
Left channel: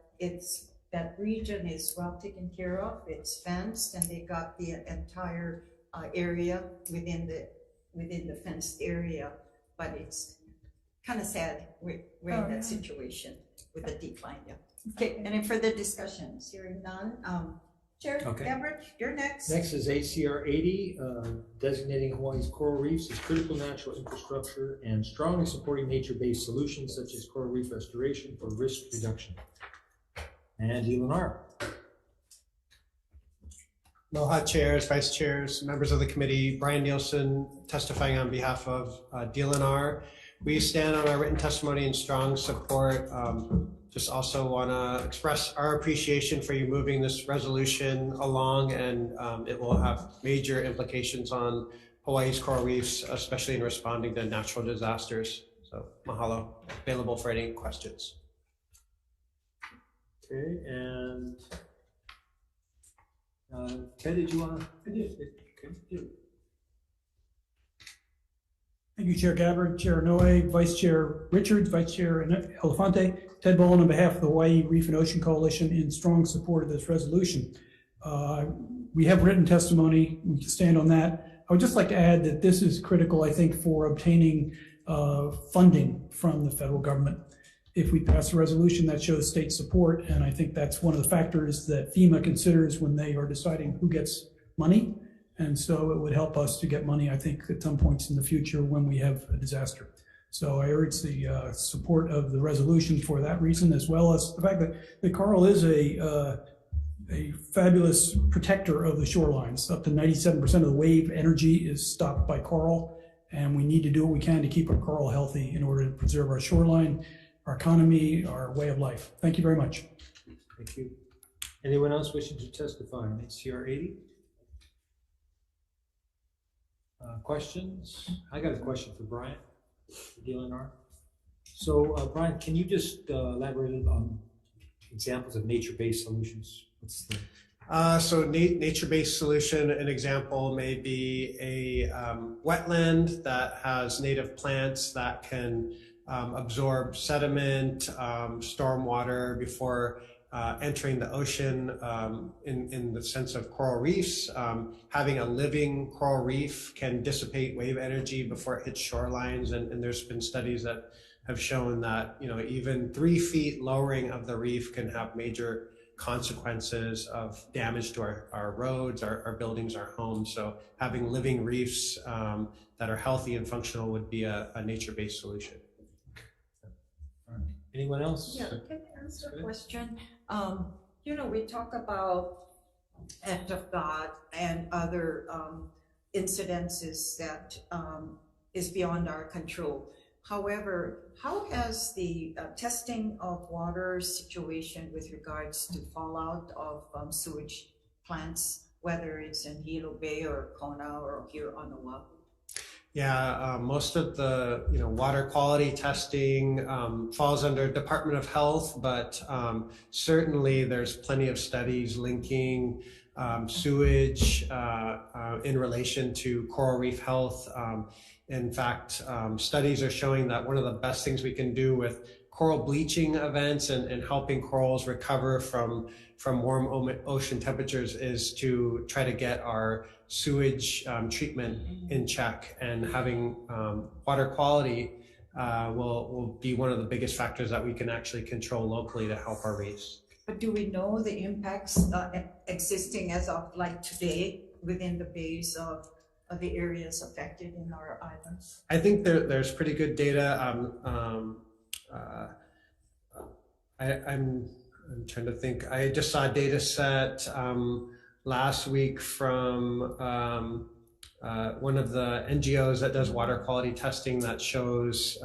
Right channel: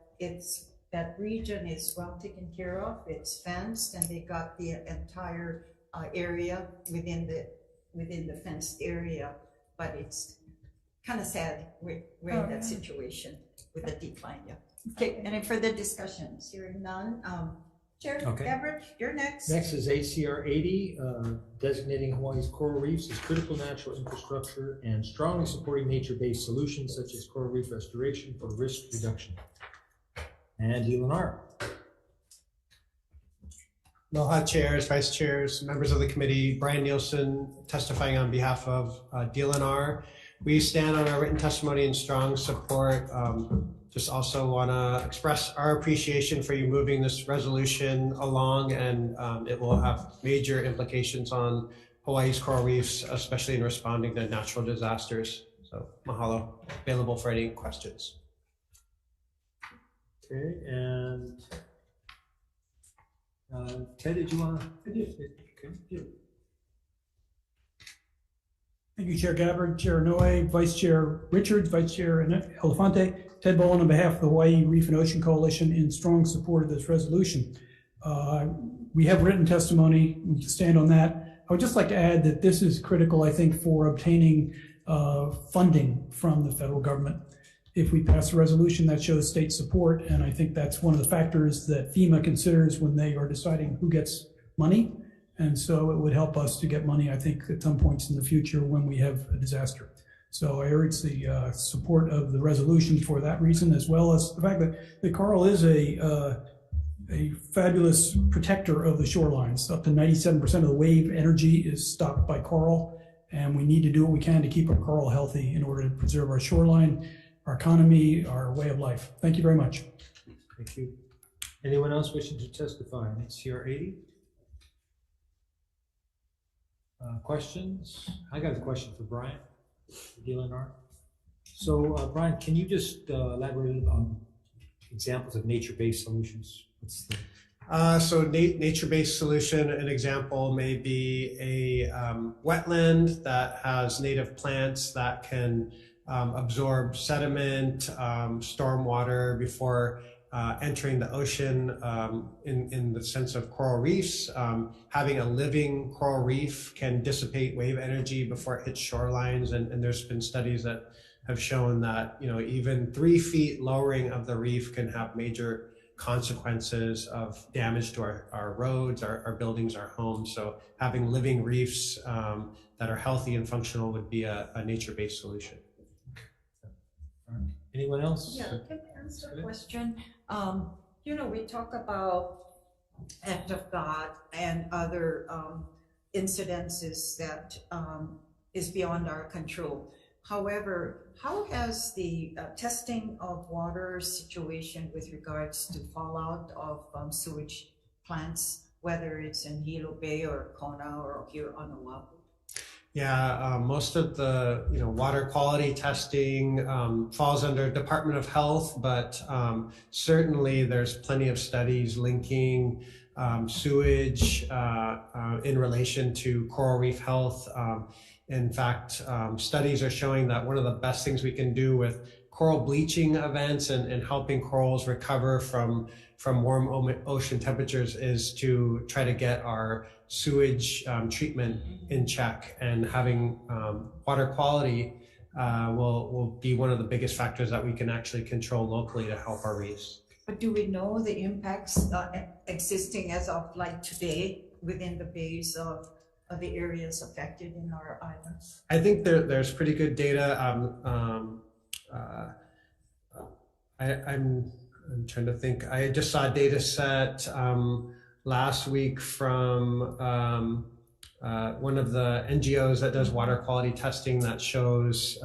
that region is well taken care of. It's fenced, and they got the entire area within the fenced area. But it's kind of sad we're in that situation with the decline. Yeah. Okay, any further discussions? Hearing none. Chair Okay. Gabbard, you're next. Next is HCR 80, designating Hawaii's coral reefs as critical natural infrastructure and strongly supporting nature-based solutions such as coral reef restoration for risk reduction. And Eleanor. Aloha chairs, vice chairs, members of the committee, Brian Nielsen testifying on behalf of DLNR. We stand on our written testimony in strong support. Just also want to express our appreciation for you moving this resolution along, and it will have major implications on Hawaii's coral reefs, especially in responding to natural disasters. So mahalo, available for any questions. Okay, and Ted, did you want to? I did. Okay. Thank you, Chair Gabbard, Chair Noe, Vice Chair Richards, Vice Chair Elefante. Ted Bowen on behalf of the Hawaii Reef and Ocean Coalition in strong support of this resolution. We have written testimony, we can stand on that. I would just like to add that this is critical, I think, for obtaining funding from the federal government. If we pass a resolution that shows state support, and I think that's one of the factors that FEMA considers when they are deciding who gets money. And so it would help us to get money, I think, at some points in the future when we have a disaster. So I urge the support of the resolution for that reason, as well as the fact that the coral is a fabulous protector of the shorelines. Up to 97% of the wave energy is stopped by coral, and we need to do what we can to keep our coral healthy in order to preserve our shoreline, our economy, our way of life. Thank you very much. Thank you. Anyone else wishing to testify on HCR 80? Questions? I got a question for Brian, for DLNR. So Brian, can you just elaborate on examples of nature-based solutions? What's the... So nature-based solution, an example may be a wetland that has native plants that can absorb sediment, storm water before entering the ocean, in the sense of coral reefs. Having a living coral reef can dissipate wave energy before it hits shorelines, and there's been studies that have shown that, you know, even 3 feet lowering of the reef can have major consequences of damage to our roads, our buildings, our homes. So having living reefs that are healthy and functional would be a nature-based solution. All right. Anyone else? Yeah, can I answer a question? You know, we talk about act of God and other incidences that is beyond our control. However, how has the testing of water situation with regards to fallout of sewage plants, whether it's in Hilo Bay or Kona or here on Oahu? Yeah, most of the water quality testing falls under Department of Health, but certainly there's plenty of studies linking sewage in relation to coral reef health. In fact, studies are showing that one of the best things we can do with coral bleaching events and helping corals recover from warm ocean temperatures is to try to get our sewage treatment in check, and having water quality will be one of the biggest factors that we can actually control locally to help our reefs. But do we know the impacts existing as of like today within the bays of the areas affected in our islands? I think there's pretty good data. I'm trying to think. I just saw a data set last week from one of the NGOs that does water quality testing that shows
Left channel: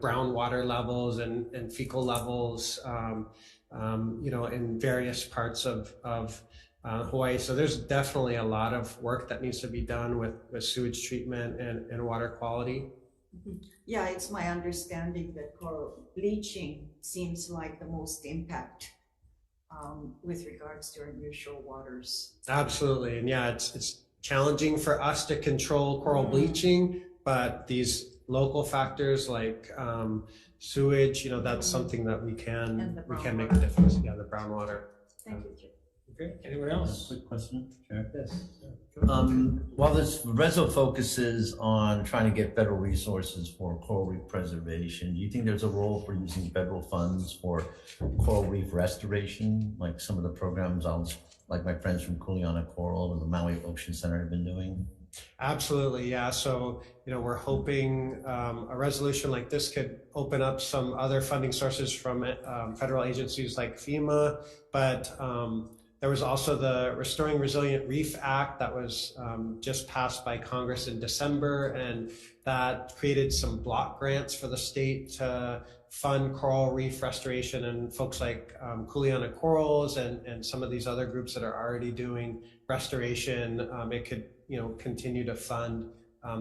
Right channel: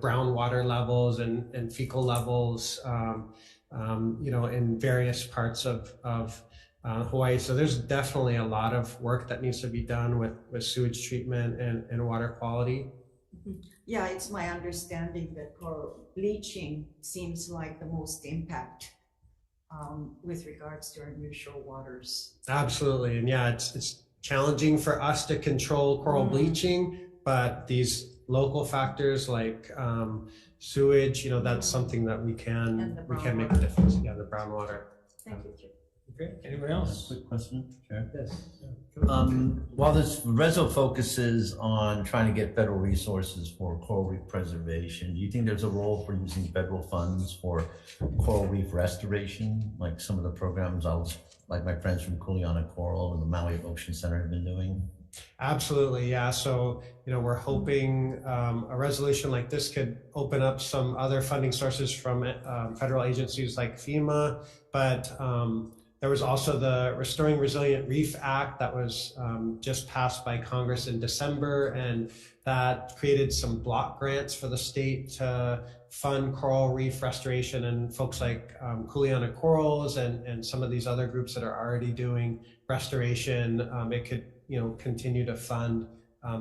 brown water levels and fecal levels in various parts of Hawaii. So there's definitely a lot of work that needs to be done with sewage treatment and water quality. Yeah, it's my understanding that coral bleaching seems like the most impact with regards to our nearshore waters. Absolutely, and yeah, it's challenging for us to control coral bleaching, but these local factors like sewage, that's something that we can make a difference. Yeah, the brown water. Thank you. Okay, anyone else? Quick question, Chair. Yes. While this reso focuses on trying to get federal resources for coral reef preservation, do you think there's a role for using federal funds for coral reef restoration, like some of the programs like my friends from Kuleana Coral or the Maui Ocean Center have been doing? Absolutely, yeah. So, we're hoping a resolution like this could open up some other funding sources from federal agencies like FEMA, but there was also the Restoring Resilient Reef Act that was just passed by Congress in December, and that created some block grants for the state to fund coral reef restoration, and folks like Kuleana Corals and some of these other groups that are already doing restoration. It could continue to fund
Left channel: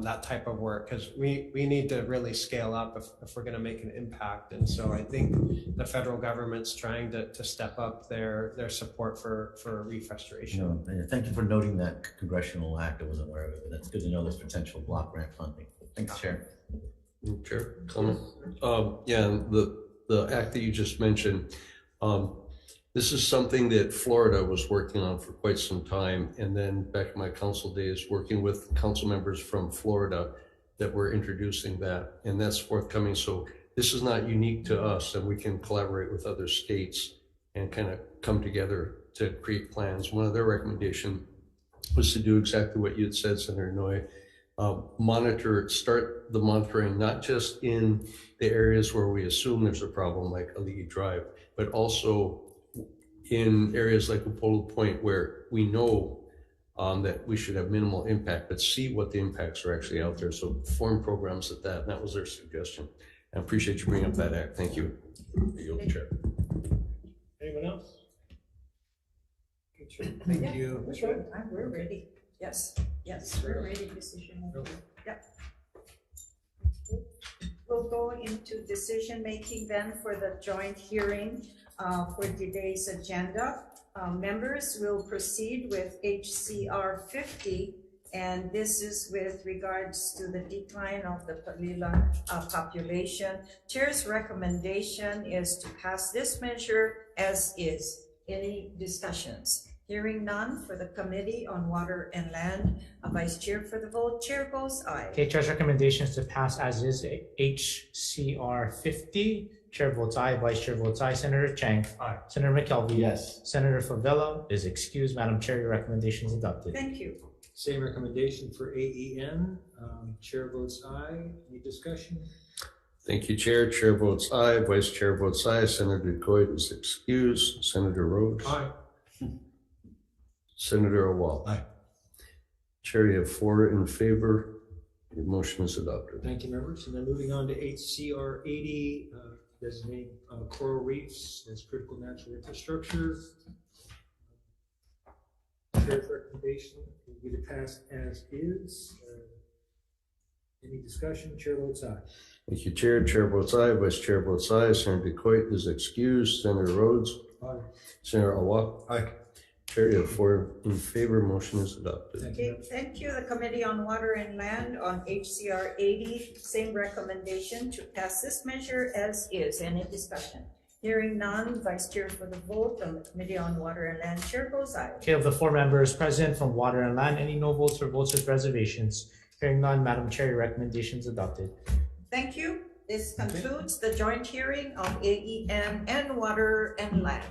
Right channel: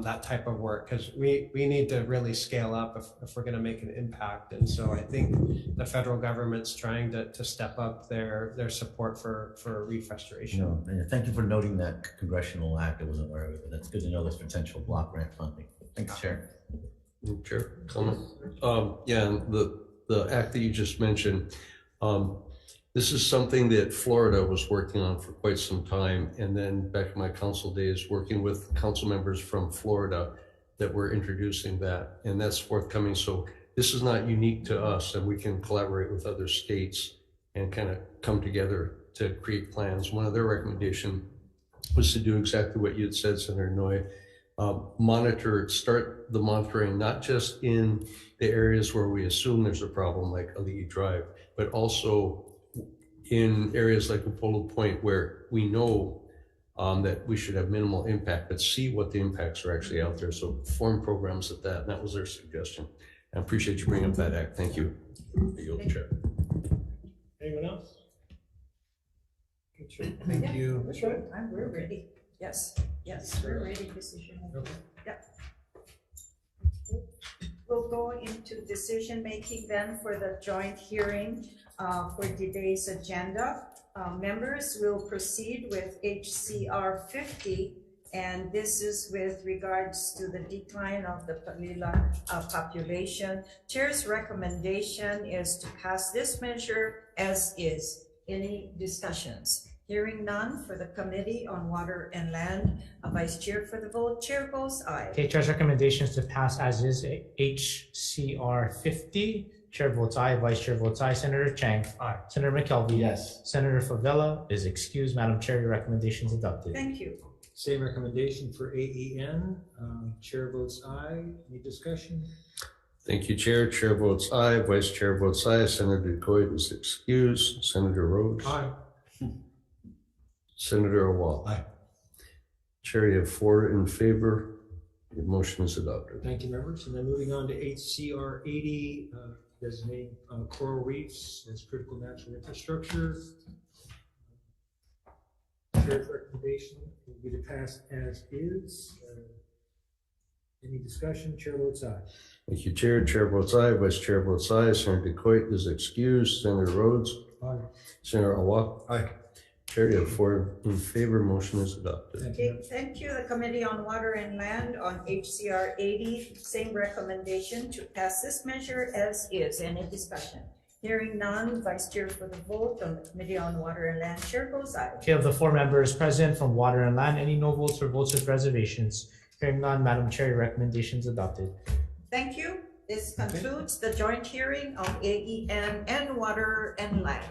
that type of work, because we need to really scale up if we're going to make an impact. And so I think the federal government's trying to step up their support for reef restoration. Thank you for noting that congressional act. I wasn't aware of it, but that's good to know there's potential block grant funding. Thanks, Chair. Chair, comment? Yeah, the act that you just mentioned, this is something that Florida was working on for quite some time. And then back in my council days, working with council members from Florida, that were introducing that, and that's forthcoming. So this is not unique to us, and we can collaborate with other states and kind of come together to create plans. One of their recommendations was to do exactly what you had said, Senator Noy. Start the monitoring, not just in the areas where we assume there's a problem like Ali'i Drive, but also in areas like Upolu Point where we know that we should have minimal impact, but see what the impacts are actually out there. So form programs at that, and that was their suggestion. I appreciate you bringing up that act. Thank you. Chair. Anyone else? Thank you. That's right. We're ready. Yes, we're ready. Decision making. Okay. Yep. We'll go into decision making then for the joint hearing for today's agenda. Members will proceed with HCR 50, and this is with regards to the decline of the Palila population. Chair's recommendation is to pass this measure as is. Any discussions? Hearing none for the Committee on Water and Land. Vice Chair for the vote. Chair votes aye. Okay, Chair's recommendation is to pass as is HCR 50. Chair votes aye. Vice Chair votes aye. Senator Chang. Aye. Senator McKelvey. Yes. Senator Favela is excused. Madam Chair, your recommendation is adopted. Thank you. Same recommendation for AEN. Chair votes aye. Any discussion? Thank you, Chair. Chair votes aye. Vice Chair votes aye. Senator Coit is excused. Senator Rhodes. Aye. Senator Awal. Aye. Chair, you have 4 in favor. The motion is adopted. Thank you, members. And then moving on to HCR 80, designate coral reefs as critical natural infrastructure. Chair's recommendation will be to pass as is. Any discussion? Chair votes aye. Thank you, Chair. Chair votes aye. Vice Chair votes aye. Senator Coit is excused. Senator Rhodes. Aye. Senator Awal. Aye. Chair, you have 4 in favor. Motion is adopted. Thank you. Okay, thank you. The Committee on Water and Land on HCR 80, same recommendation to pass this measure as is. Any discussion? Hearing none, Vice Chair for the vote on the Committee on Water and Land. Chair votes aye. Okay, of the 4 members present from Water and Land, any no votes or votes with reservations? Hearing none, Madam Chair, your recommendation is adopted. Thank you. This concludes the joint hearing on AEN and Water and Land.